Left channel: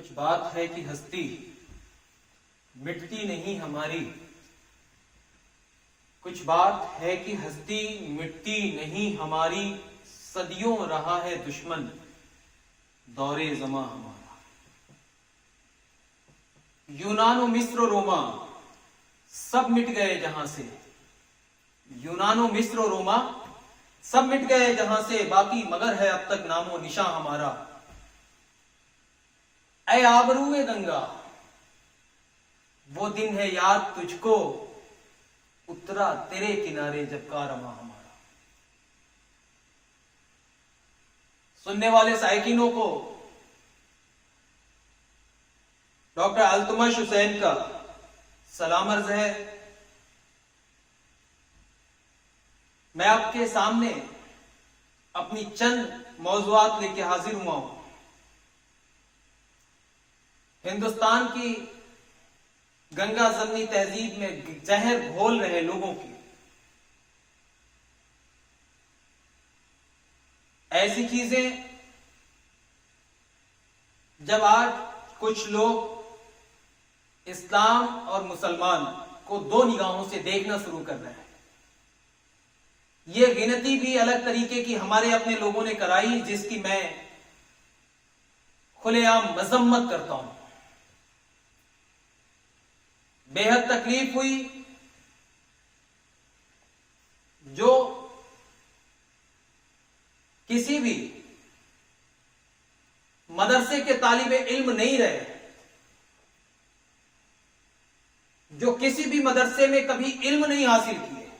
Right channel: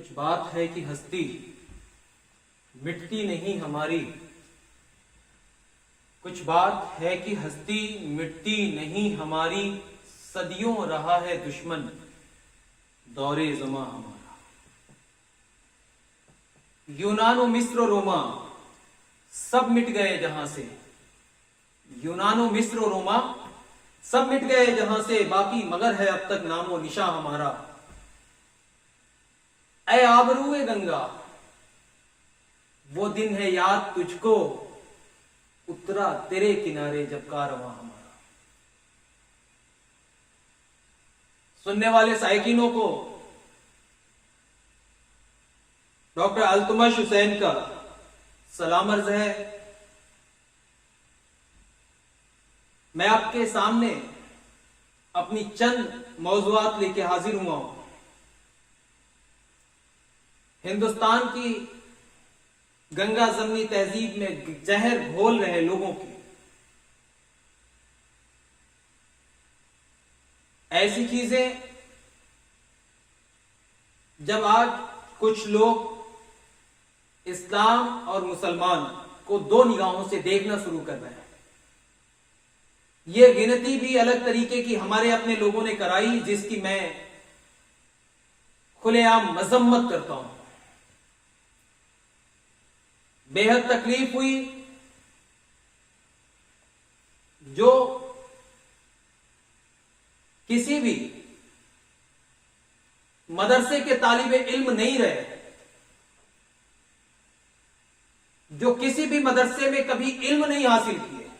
कुछ बात है कि हस्ती मिटती नहीं हमारी, कुछ बात है कि हस्ती मिटती नहीं हमारी, सदियों रहा है दुश्मन दौरे ज़मां हमारा। यूनानो मिस्र रोमा सब मिट गए जहां से, यूनानो मिस्र रोमा सब मिट गए जहां से, बाकी मगर है अब तक नामो निशा हमारा। ऐ आबरूए गंगा वो दिन है याद तुझको, उतरा तेरे किनारे जब कारवां हमारा। सुनने वाले साइकिनों को डॉक्टर अल्तमश हुसैन का सलाम अर्ज है। मैं आपके सामने अपनी चंद मौज़ूआत लेके हाजिर हुआ हूं। हिंदुस्तान की गंगा जमनी तहजीब में जहर घोल रहे लोगों की ऐसी चीजें जब आज कुछ लोग इस्लाम और मुसलमान को दो निगाहों से देखना शुरू कर रहे हैं। यह गिनती भी अलग तरीके की हमारे अपने लोगों ने कराई, जिसकी मैं खुलेआम मजम्मत करता हूं। बेहद तकलीफ हुई जो किसी भी मदरसे के तालिबे इल्म नहीं रहे, जो किसी भी मदरसे में कभी इल्म नहीं हासिल किए,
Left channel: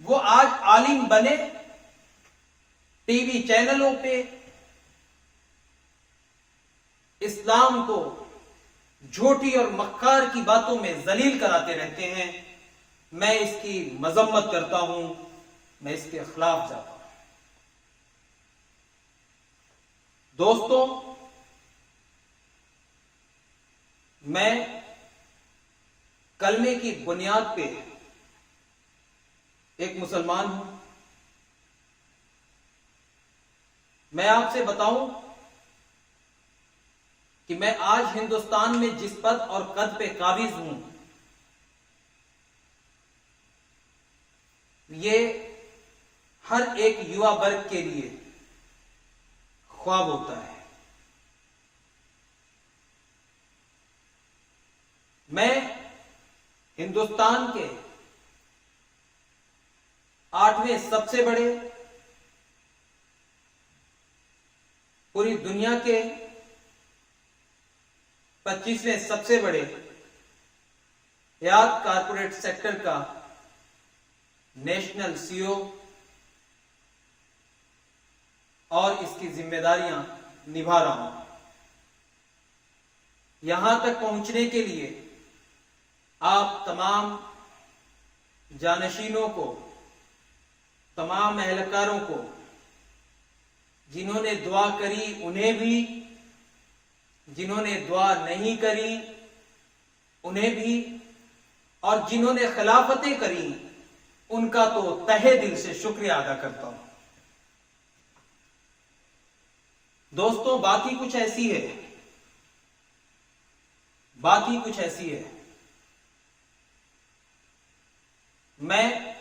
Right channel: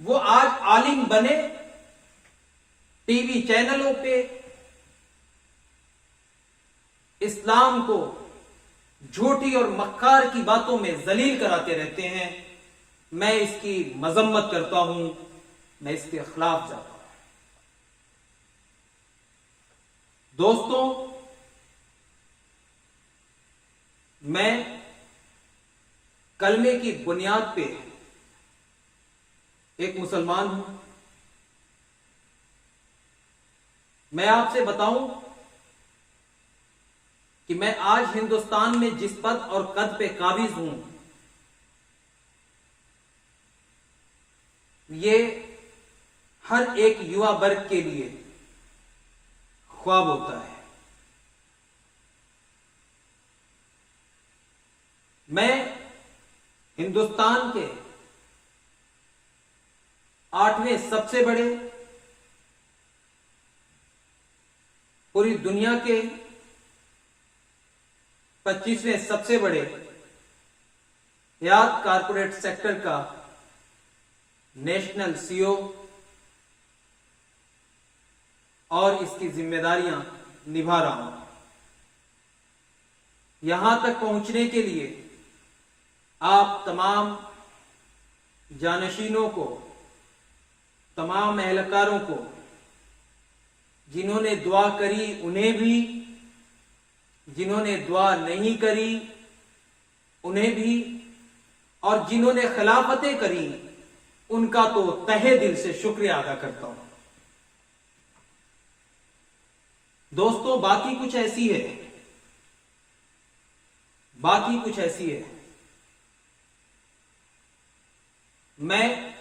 वो आज आलिम बने, टीवी चैनलों पे इस्लाम को झूठी और मक्कार की बातों में जलील कराते रहते हैं। मैं इसकी मजम्मत करता हूं, मैं इसके खिलाफ जाता हूं। दोस्तों, मैं कलमे की बुनियाद पे एक मुसलमान हूं। मैं आपसे बताऊं कि मैं आज हिंदुस्तान में जिस पद और कद पे काबिज हूं, ये हर एक युवा वर्ग के लिए ख्वाब होता है। मैं हिंदुस्तान के 8वें सबसे बड़े, पूरी दुनिया के 25वें सबसे बड़े हयात कारपोरेट सेक्टर का नेशनल सीईओ और इसकी जिम्मेदारियां निभा रहा हूं। यहां तक पहुंचने के लिए आप तमाम जानशीनों को, तमाम एहलकारों को, जिन्होंने दुआ करी उन्हें भी, जिन्होंने दुआ नहीं करी उन्हें भी, और जिन्होंने खिलाफतें करी उनका तो तहे दिल से शुक्रिया अदा करता हूं। दोस्तों, बात ही कुछ ऐसी है, बात ही कुछ ऐसी है। मैं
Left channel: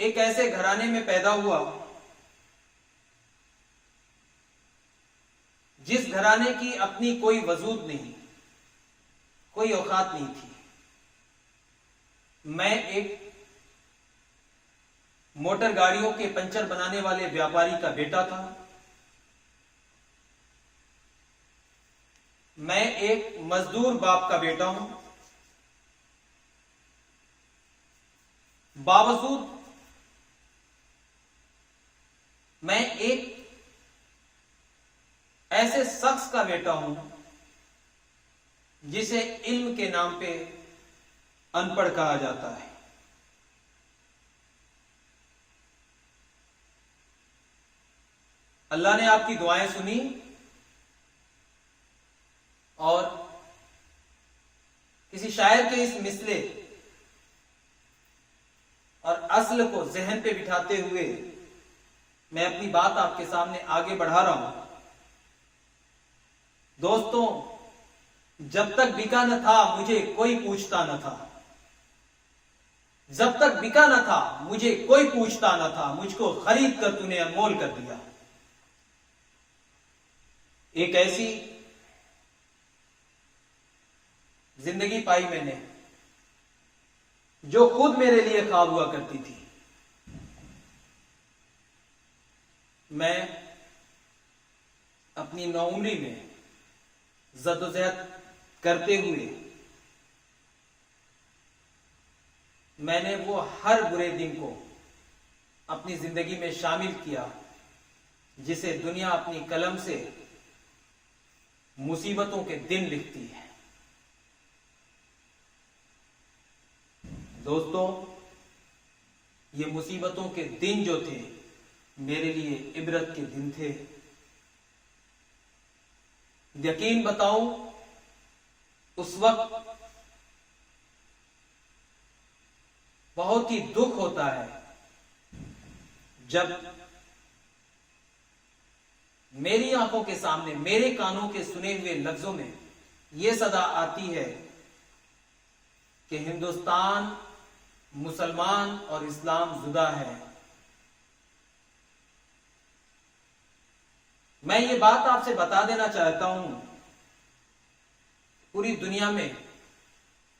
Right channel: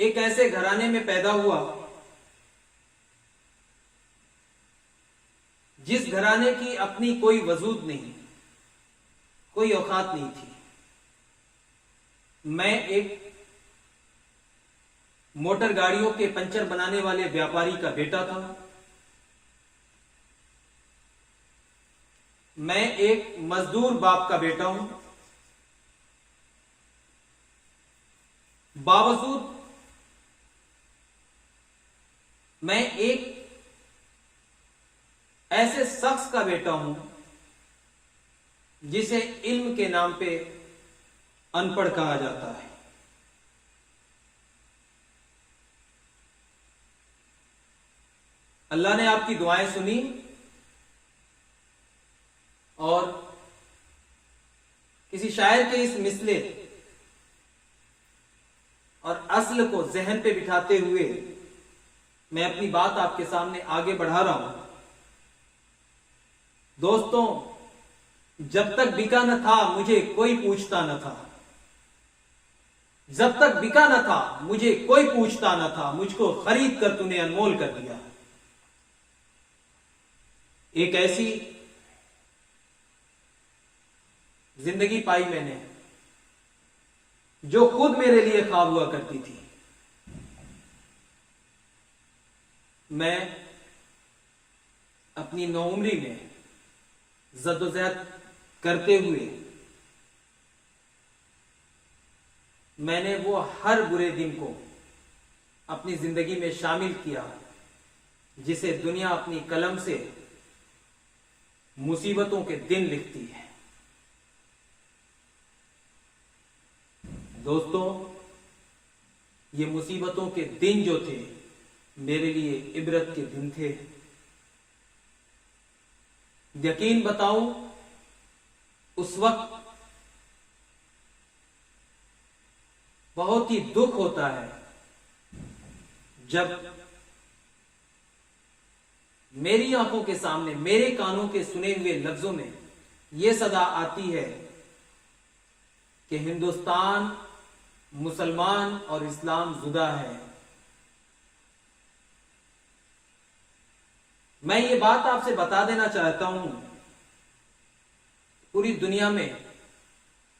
एक ऐसे घराने में पैदा हुआ जिस घराने की अपनी कोई वजूद नहीं, कोई औकात नहीं थी। मैं एक मोटर गाड़ियों के पंचर बनाने वाले व्यापारी का बेटा था। मैं एक मजदूर बाप का बेटा हूं। बावजूद मैं एक ऐसे शख्स का बेटा हूं जिसे इल्म के नाम पे अनपढ़ कहा जाता है। अल्लाह ने आपकी दुआएं सुनी और किसी शायर के इस मिसले और असल को जहन पे बिठाते हुए मैं अपनी बात आपके सामने आगे बढ़ा रहा हूं। दोस्तों, जब तक बिका न था मुझे कोई पूछता न था, जब तक बिका न था मुझे कोई पूछता न था, मुझको खरीद कर तूने अनमोल कर दिया। एक ऐसी जिंदगी पाई मैंने जो खुद मेरे लिए ख्वाब हुआ करती थी। मैं अपनी नौउम्री में जद्दोजहद करते हुए मैंने वो हर बुरे दिन को अपनी जिंदगी में शामिल किया जिसे दुनिया अपनी कलम से मुसीबतों के दिन लिखती है। दोस्तों, ये मुसीबतों के दिन जो थे मेरे लिए इबरत के दिन थे। यकीन बताऊं, उस वक्त बहुत ही दुख होता है जब मेरी आंखों के सामने, मेरे कानों के सुने हुए लफ्जों में यह सदा आती है कि हिंदुस्तान, मुसलमान और इस्लाम जुदा है। मैं ये बात आपसे बता देना चाहता हूं, पूरी दुनिया में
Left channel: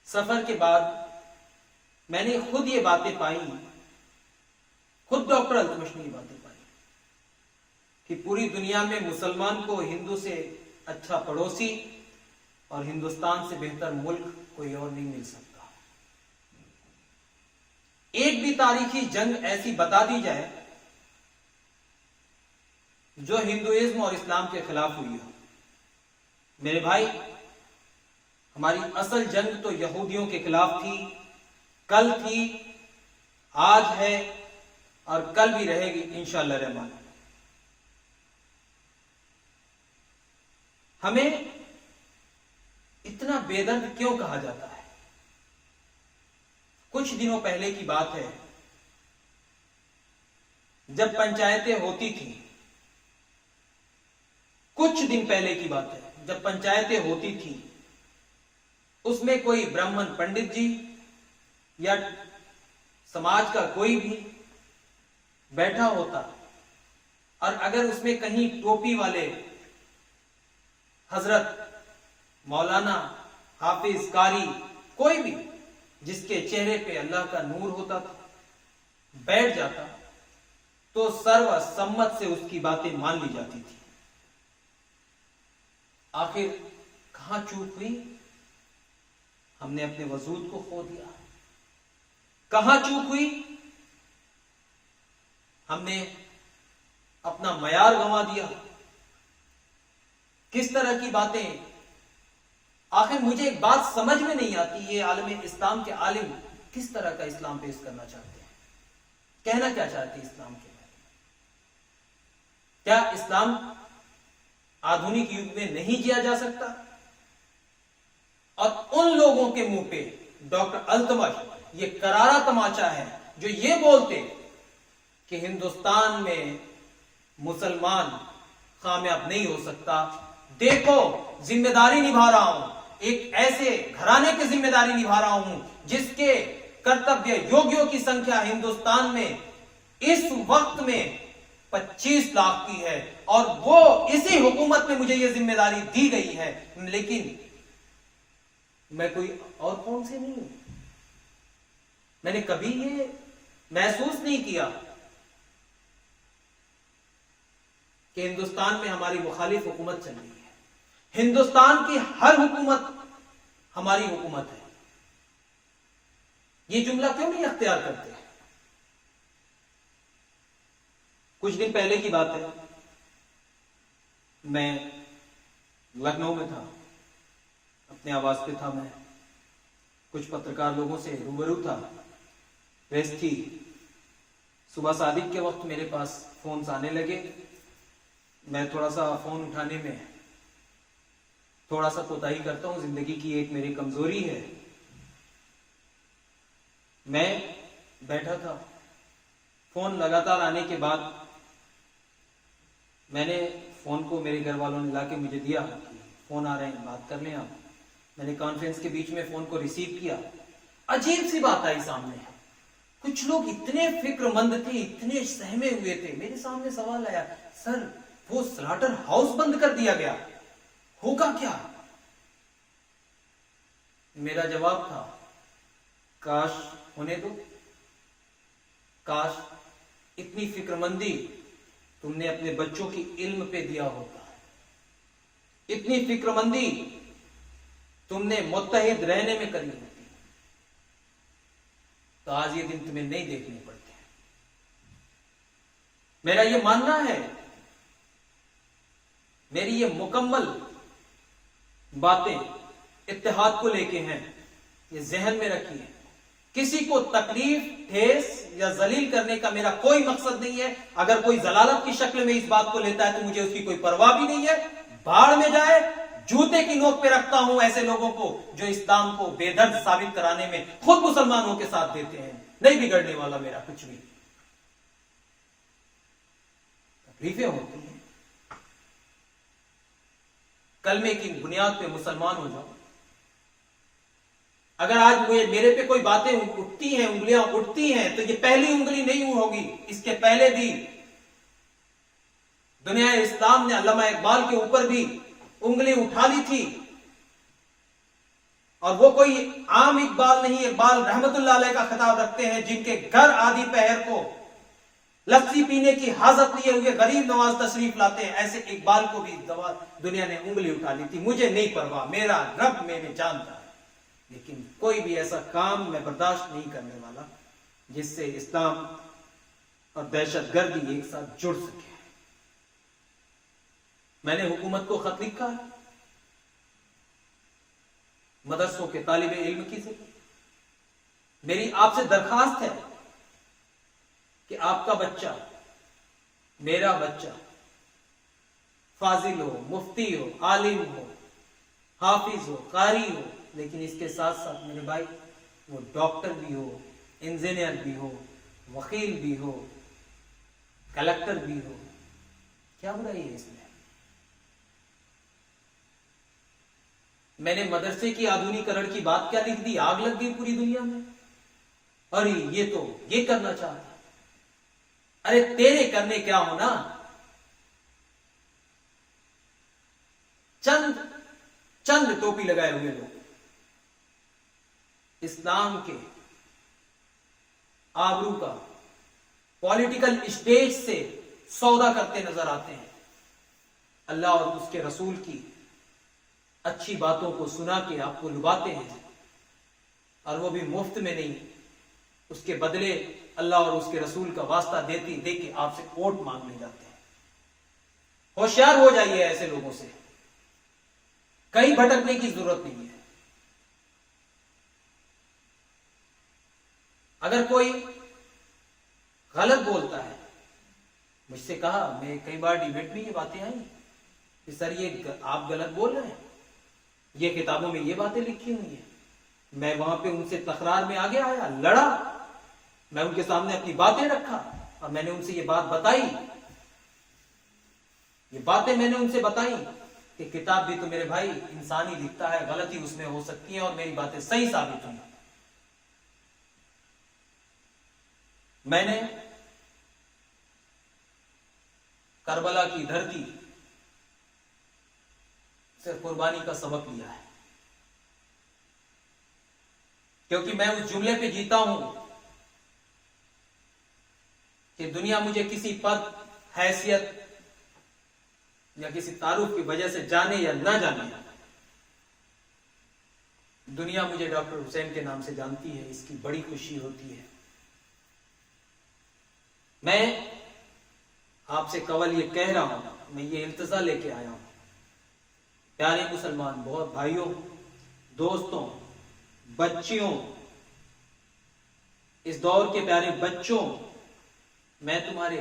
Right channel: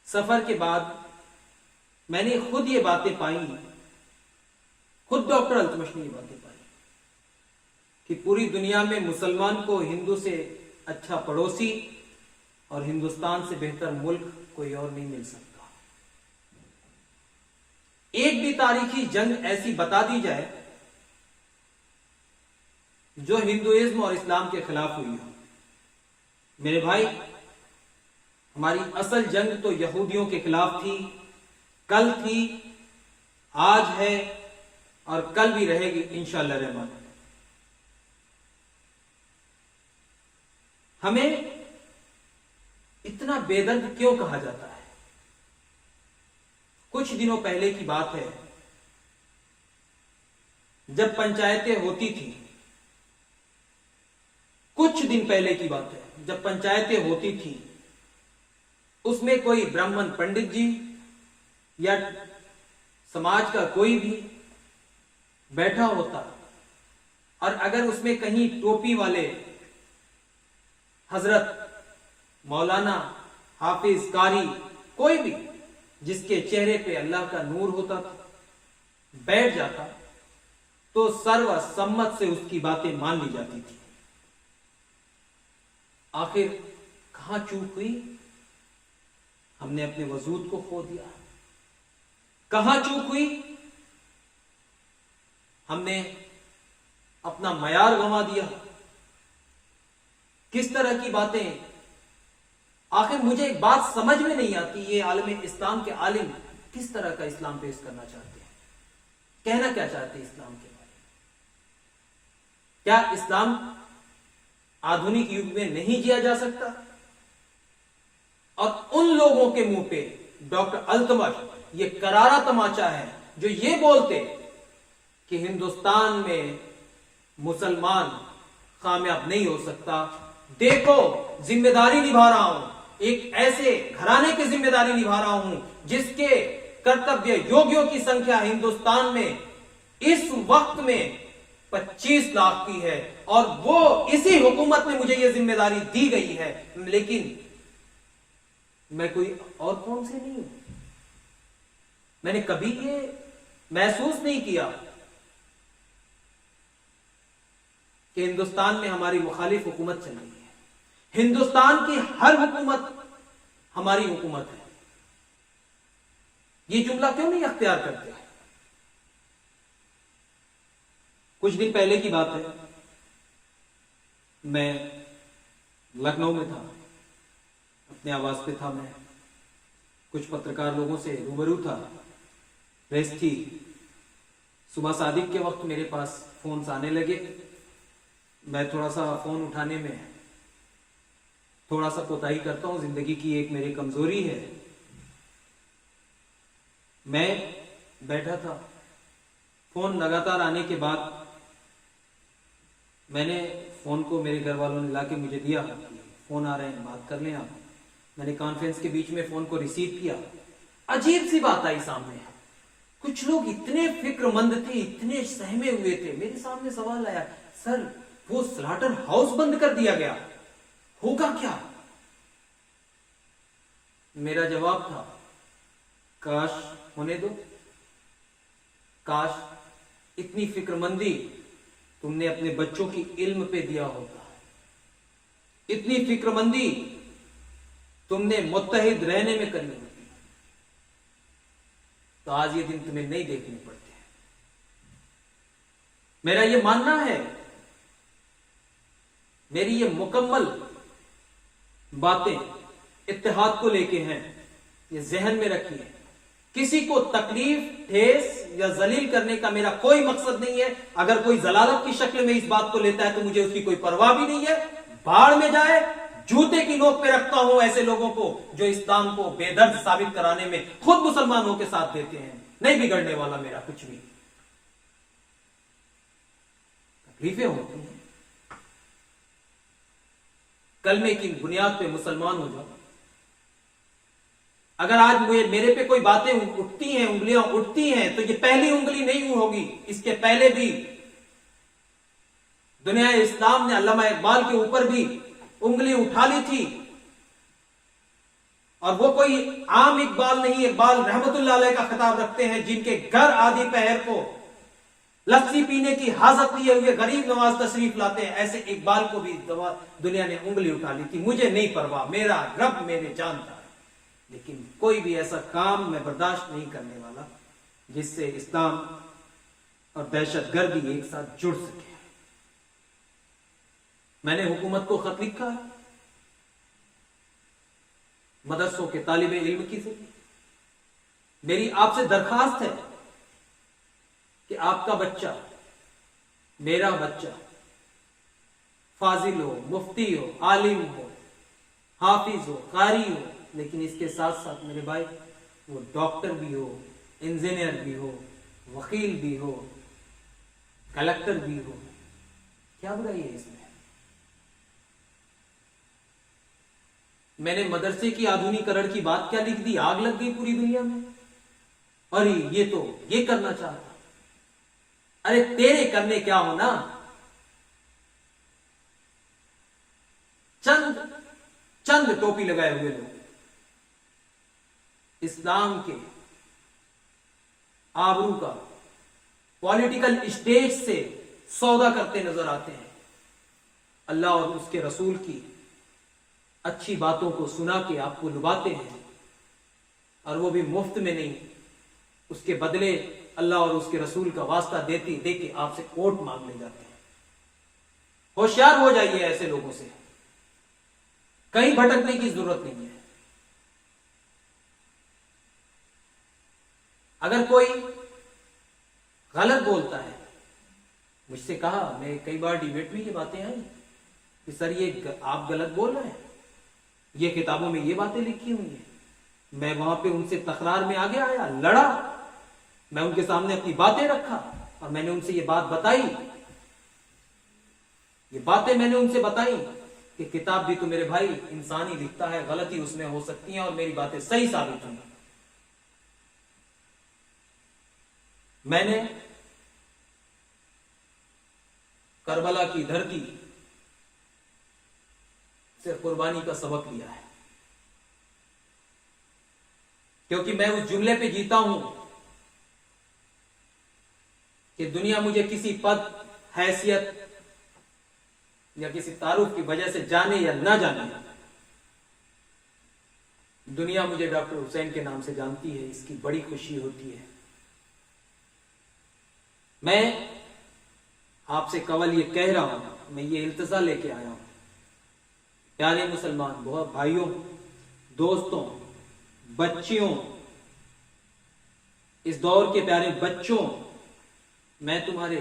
सफर के बाद मैंने खुद ये बातें पाई, खुद डॉक्टर अल्तमश ने ये बातें पाई कि पूरी दुनिया में मुसलमान को हिंदू से अच्छा पड़ोसी और हिंदुस्तान से बेहतर मुल्क कोई और नहीं मिल सकता। एक भी तारीखी जंग ऐसी बता दी जाए जो हिंदुइज्म और इस्लाम के खिलाफ हुई हो। मेरे भाई, हमारी असल जंग तो यहूदियों के खिलाफ थी, कल थी, आज है और कल भी रहेगी इंशाअल्लाह रहमान। हमें इतना बेदर्द क्यों कहा जाता है? कुछ दिनों पहले की बात है, जब पंचायतें होती थी, कुछ दिन पहले की बात है, जब पंचायतें होती थी, उसमें कोई ब्राह्मण पंडित जी या समाज का कोई भी बैठा होता और अगर उसमें कहीं टोपी वाले हजरत, मौलाना, हाफिज, कारी, कोई भी जिसके चेहरे पे अल्लाह का नूर होता था, बैठ जाता तो सर्वसम्मत से उसकी बातें मान ली जाती थी। आखिर कहां चूक हुई? हमने अपने वजूद को खो दिया। कहां चूक हुई? हमने अपना मयार गंवा दिया। किस तरह की बातें? आखिर मुझे एक बात समझ में नहीं आती, ये आलम इस्लाम के आलिम किस तरह का इस्लाम पेश करना चाहते हैं, कहना क्या चाहते हैं इस्लाम के बारे में? क्या इस्लाम आधुनिक युग में नहीं जिया जा सकता? और उन लोगों के मुंह पे डॉक्टर अल्तमश ये करारा तमाचा है जो ये बोलते कि हिंदुस्तान में मुसलमान कामयाब नहीं हो सकता। देखो, जिम्मेदारी निभा रहा हूं, एक ऐसे घराने की जिम्मेदारी निभा रहा हूं जिसके कर्तव्य योगियों की संख्या हिंदुस्तान में इस वक्त में 25 लाख की है और वो इसी हुकूमत में मुझे ये जिम्मेदारी दी गई है, लेकिन मैं कोई और कौन से नहीं हूं। मैंने कभी ये महसूस नहीं किया कि हिंदुस्तान में हमारी मुखालिफ हुकूमत चल रही है। हिंदुस्तान की हर हुकूमत हमारी हुकूमत है। ये जुमला क्यों नहीं अख्तियार करते? कुछ दिन पहले की बात है, मैं लखनऊ में था, अपने आवास पे था। मैं कुछ पत्रकार लोगों से रूबरू था, प्रेस थी। सुबह सादिक के वक्त मेरे पास फोन आने लगे। मैं थोड़ा सा फोन उठाने में थोड़ा सा कोताही करता हूं, जिंदगी की एक मेरी कमजोरी है। मैं बैठा था, फोन लगातार आने के बाद मैंने फोन को मेरे घर वालों ने लाके मुझे दिया, फोन आ रहे हैं, बात कर लें आप। मैंने कॉन्फ्रेंस के बीच में फोन को रिसीव किया। अजीब सी बात आई सामने, कुछ लोग इतने फिक्रमंद थे, इतने सहमे हुए थे। मेरे सामने सवाल आया, सर वो स्लॉटर हाउस बंद कर दिया गया, होगा क्या? मेरा जवाब था, काश होने दो, काश इतनी फिक्रमंदी तुमने अपने बच्चों की इल्म पे दिया होता, इतनी फिक्रमंदी तुमने मुत्तहिद रहने में करी होती, तो आज ये दिन तुम्हें नहीं देखने पड़ते हैं। मेरा ये मानना है, मेरी ये मुकम्मल बातें इत्तेहाद को लेके हैं, ये जहन में रखिए। किसी को तकलीफ, ठेस या जलील करने का मेरा कोई मकसद नहीं है। अगर कोई जलालत की शक्ल में इस बात को लेता है तो मुझे उसकी कोई परवाह भी नहीं है, भाड़ में जाए। जूते की नोक पे रखता हूं ऐसे लोगों को जो इस्लाम को बेदर्द साबित कराने में खुद मुसलमानों के साथ देते हैं। नहीं बिगड़ने वाला मेरा कुछ भी। तकलीफें होती हैं, कलमे की बुनियाद पे मुसलमान हो जाओ। अगर आज मेरे पे कोई बातें उठती हैं, उंगलियां उठती हैं, तो ये पहली उंगली नहीं होगी। इसके पहले भी दुनिया इस्लाम ने अल्लामा इकबाल के ऊपर भी उंगली उठा ली थी, और वो कोई आम इकबाल नहीं, इकबाल रहमतुल्लाह अलैह का खिताब रखते हैं, जिनके घर आधी पहर को लस्सी पीने की हाजत लिए हुए गरीब नवाज तशरीफ लाते हैं। ऐसे इकबाल को भी दुनिया ने उंगली उठा ली थी। मुझे नहीं परवाह, मेरा रब मेरे जानता है, लेकिन कोई भी ऐसा काम मैं बर्दाश्त नहीं करने वाला जिससे इस्लाम और दहशतगर्दी एक साथ जुड़ सके। मैंने हुकूमत को खत लिखा है, मदरसों के तालिबे इल्म की जरिए मेरी आपसे दरखास्त है कि आपका बच्चा, मेरा बच्चा फाजिल हो, मुफ्ती हो, आलिम हो, हाफिज हो, कारी हो, लेकिन इसके साथ साथ मेरे भाई वो डॉक्टर भी हो, इंजीनियर भी हो, वकील भी हो, कलेक्टर भी हो। क्या बुराई है इसमें? मैंने मदरसे की आधुनिकीकरण की बात क्या लिख दी, आग लग गई पूरी दुनिया में। अरे ये तो ये करना चाहता, अरे तेरे करने क्या होना, चंद टोपी लगाए हुए लोग इस्लाम के आबरू का पॉलिटिकल स्टेज से सौदा करते नजर आते हैं। अल्लाह और उसके रसूल की अच्छी बातों को सुना के आपको लुभाते हैं, और वो भी मुफ्त में नहीं, उसके बदले अल्लाह और उसके रसूल का वास्ता देते देके आपसे वोट मांगने जाते हैं। होशियार हो जाइए ऐसे लोगों से, कहीं भटकने की जरूरत नहीं है। अगर कोई गलत बोलता है, मुझसे कहा, मैं कई बार डिबेट में ये बातें आई कि सर ये आप गलत बोल रहे हैं, ये किताबों में ये बातें लिखी हुई हैं। मैं वहां पे उनसे तकरार में आगे आया, लड़ा, मैं उनके सामने अपनी बातें रखा और मैंने उनसे ये बात बताई, ये बातें मैंने उनसे बताई कि किताब भी तो मेरे भाई इंसान ही लिखता है, गलती उसमें हो सकती है और मेरी बातें सही साबित हुई। मैंने करबला की धरती से कुर्बानी का सबक लिया है, क्योंकि मैं उस जुमले पे जीता हूं कि दुनिया मुझे किसी पद, हैसियत या किसी तारुफ की वजह से जाने या ना जाने, दुनिया मुझे डॉक्टर हुसैन के नाम से जानती है, इसकी बड़ी खुशी होती है। मैं आपसे कवल ये कह रहा हूं, मैं ये इल्तिजा लेके आया हूं, प्यारे मुसलमान बहुत भाइयों, दोस्तों, बच्चियों, इस दौर के प्यारे बच्चों, मैं तुम्हारे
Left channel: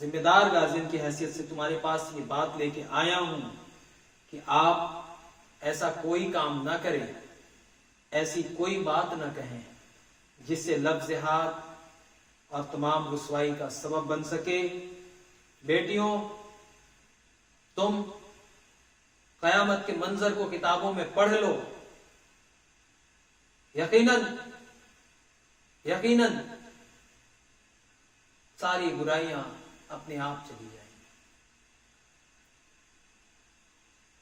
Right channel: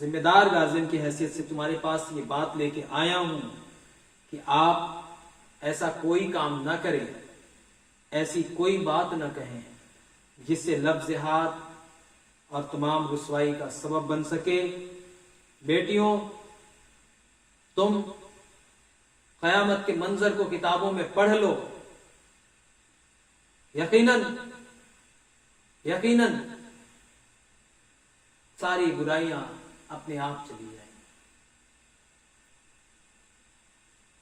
जिम्मेदार गार्जियन की हैसियत से तुम्हारे पास ये बात लेके आया हूं कि आप ऐसा कोई काम ना करें, ऐसी कोई बात ना कहें जिससे लफ्ज़ हाथ और तमाम रुसवाई का सबब बन सके। बेटियों, तुम क़यामत के मंजर को किताबों में पढ़ लो, यकीनन यकीनन सारी बुराइयां अपने आप चली जाएंगी।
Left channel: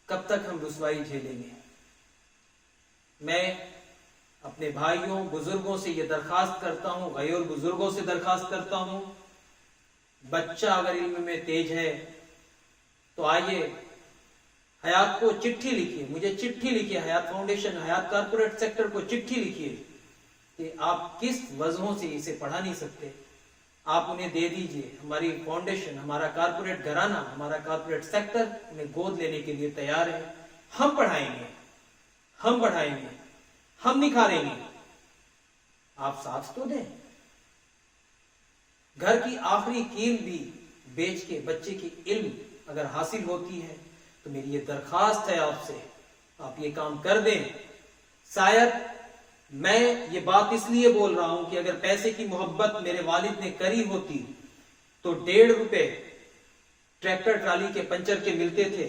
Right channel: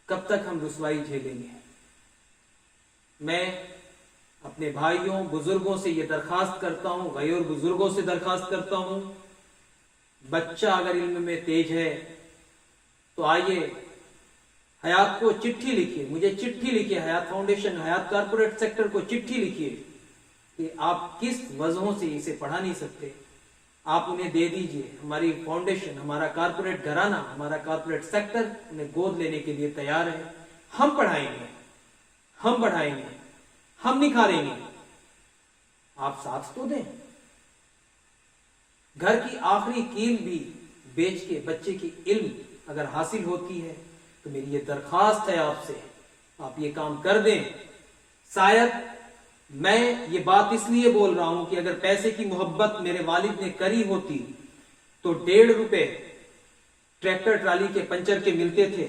कब तक हम रुसवाई झेलेंगे? मैं अपने भाइयों बुजुर्गों से यह दरखास्त करता हूं, गैर बुजुर्गों से दरखास्त करता हूं, बच्चा अगर इल्म में तेज है तो आइए हयात को चिट्ठी लिखिए, मुझे चिट्ठी लिखिए, हयात फाउंडेशन, हयात कारपोरेट सेक्टर को चिट्ठी लिखिए कि आप किस वजहों से इसे पढ़ा नहीं सकते, आप उन्हें दे दीजिए। हमारी फाउंडेशन, हमारा कारपोरेट घराना, हमारा कारपोरेट सेक्टर उन्हें गोद लेने के लिए तैयार है। हम पढ़ाएंगे, हम बढ़ाएंगे, हम निखारेंगे, आप साथ तो दें। घर की आखिरी कील भी बेच के बच्चे की इल्म अगर हासिल होती है तो मेरी ये दरखास्त है आपसे, आप ये काम कर दें। शायद मैं ये बात इसलिए बोल रहा हूं कि अगर पैसे की मोहब्बत मेरे वालिद ने करी होती तो 1.5 रुपए ट्रैक्टर ट्राली के पंचर के मिलते थे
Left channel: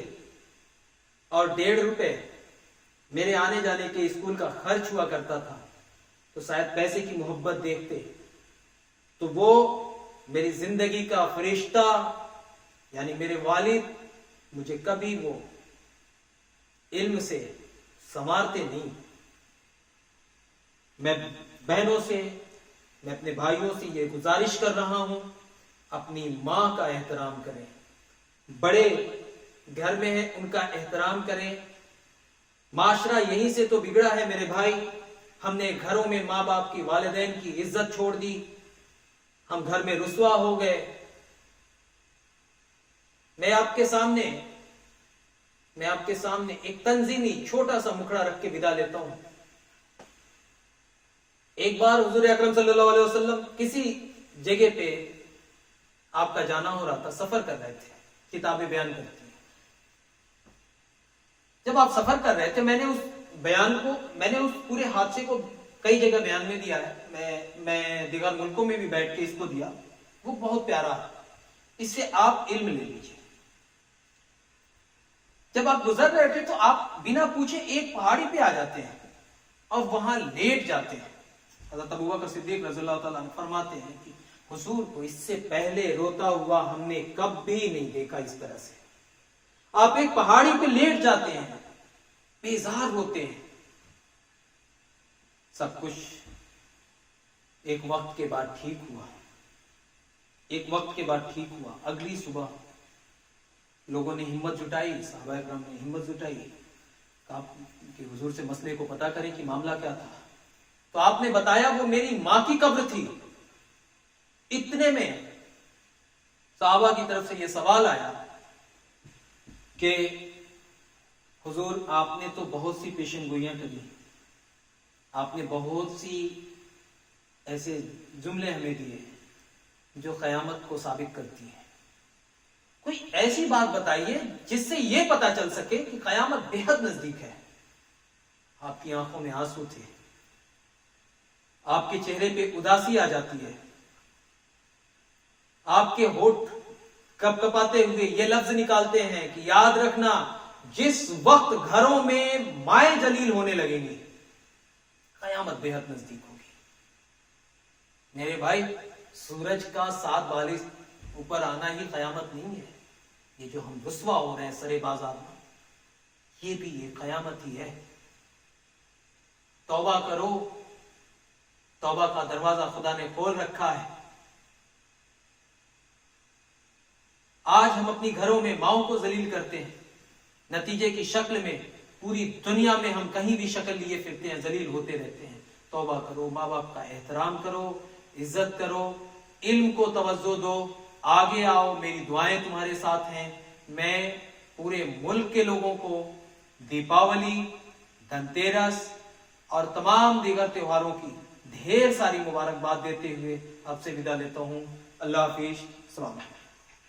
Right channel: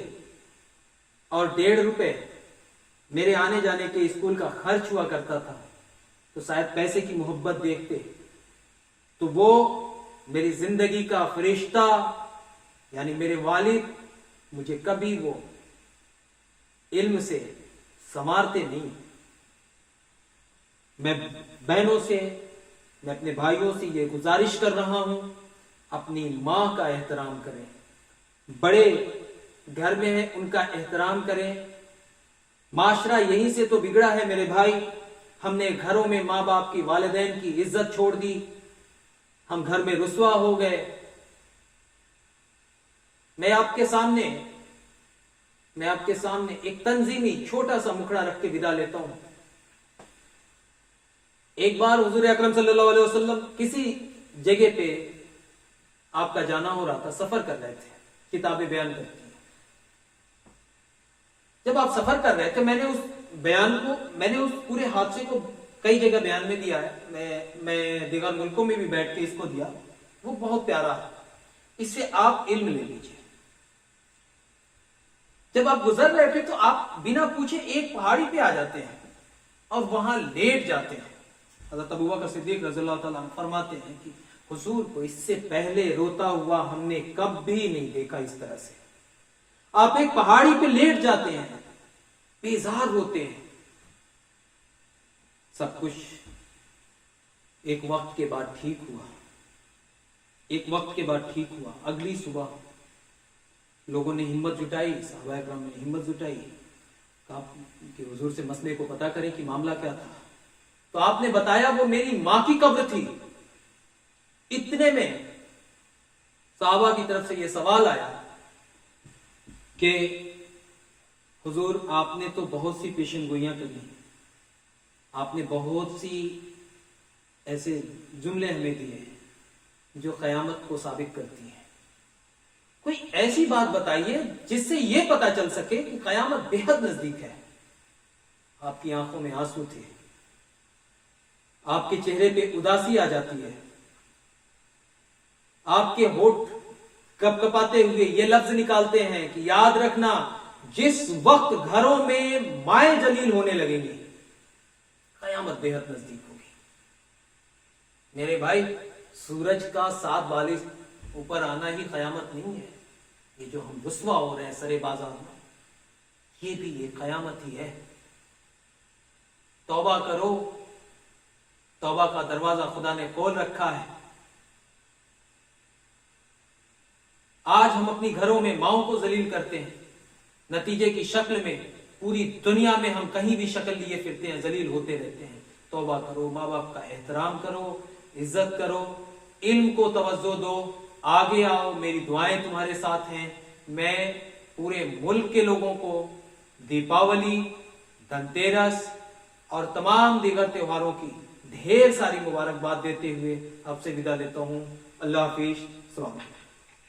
और 1.5 रुपए मेरे आने जाने के स्कूल का खर्च हुआ करता था, तो शायद पैसे की मोहब्बत देखते तो वो मेरी जिंदगी का फरिश्ता यानी मेरे वालिद मुझे कभी वो इल्म से संवारते नहीं। मैं बहनों से, मैं अपने भाइयों से ये गुजारिश कर रहा हूं, अपनी मां का एहतराम करें, बड़े घर में है उनका एहतराम करें। माशरा यहीं से तो बिगड़ा है मेरे भाई, हमने घरों में माँ बाप की, वालिदैन की इज्जत छोड़ दी, हम घर में रुसवा हो गए। मैं आपके सामने एक तंजीमी छोटा सा मुखड़ा रख के विदा लेता हूं। एक बार हुजूर अकरम सल्लल्लाहु अलैहि वसल्लम किसी जगह पे आपका जाना हो रहा था, सफर कर रहे थे, किताबें बयान करती हैं। जब आप सफर कर रहे थे, मैंने उस पूरे हादसे को कई जगह बयान में दिया है, मैं दीगर मुल्कों में भी बैठ के इसको दिया, वो बहुत प्यारा है, इससे आप इल्म ले लीजिए। जब आप गुजर रहे थे तो आप बिना पूछे एक पहाड़ी पे आ जाते हैं और वहां लेट जाते हैं। हज़रत अबू बकर सिद्दीक रज़ियल्लाहु ताला अन्हु फरमाते हैं कि हुजूर को इससे पहले रोता हुआ हमने कभी नहीं देखा इस तरह से। आप एक पहाड़ी पे लेट जाते हैं, बेजार होते हैं। सब कुछ एक वक्त के बाद ठीक हुआ, एक वक्त के बाद ठीक हुआ। अगली सुबह लोगों ने हिम्मत जुटाई, सहाबा इकराम ने हिम्मत जुटाई, कहा कि हुजूर से मसले को पता करें कि मामला क्या था। तो आपने बताया वो मेरी मां की कब्र थी। इतने में सहाबा की तरफ से यह सवाल आया कि हुजूर आपने तो बहुत सी पेशेनगोइयां करी, आपने बहुत सी ऐसे जुमले हमें दिए जो कयामत को साबित करती हैं। कोई ऐसी बात बताइए जिससे यह पता चल सके कि कयामत बेहद नजदीक है। आपकी आंखों में आंसू थे, आपके चेहरे पे उदासी आ जाती है, आपके होठ कपकपाते हुए ये लफ्ज निकालते हैं कि याद रखना जिस वक्त घरों में माए जलील होने लगेंगी कयामत बेहद नजदीक होगी। मेरे भाई, सूरज का 7 बालिश ऊपर आना ही कयामत नहीं है। ये जो हम रुसवा हो रहे हैं सरे बाजार में, ये भी ये कयामत ही है। तौबा करो, तौबा का दरवाजा खुदा ने खोल रखा है। आज हम अपनी घरों में माओं को जलील करते हैं, नतीजे की शक्ल में पूरी दुनिया में हम कहीं भी शक्ल लिए फिरते हैं, जलील होते रहते हैं। तौबा करो, माँ बाप का एहतराम करो, इज्जत करो, इल्म को तवज्जो दो, आगे आओ, मेरी दुआएं तुम्हारे साथ हैं। मैं पूरे मुल्क के लोगों को दीपावली, धनतेरस और तमाम दीगर त्योहारों की ढेर सारी मुबारकबाद देते हुए आपसे विदा लेता हूं। अल्लाह हाफिज। सलाम।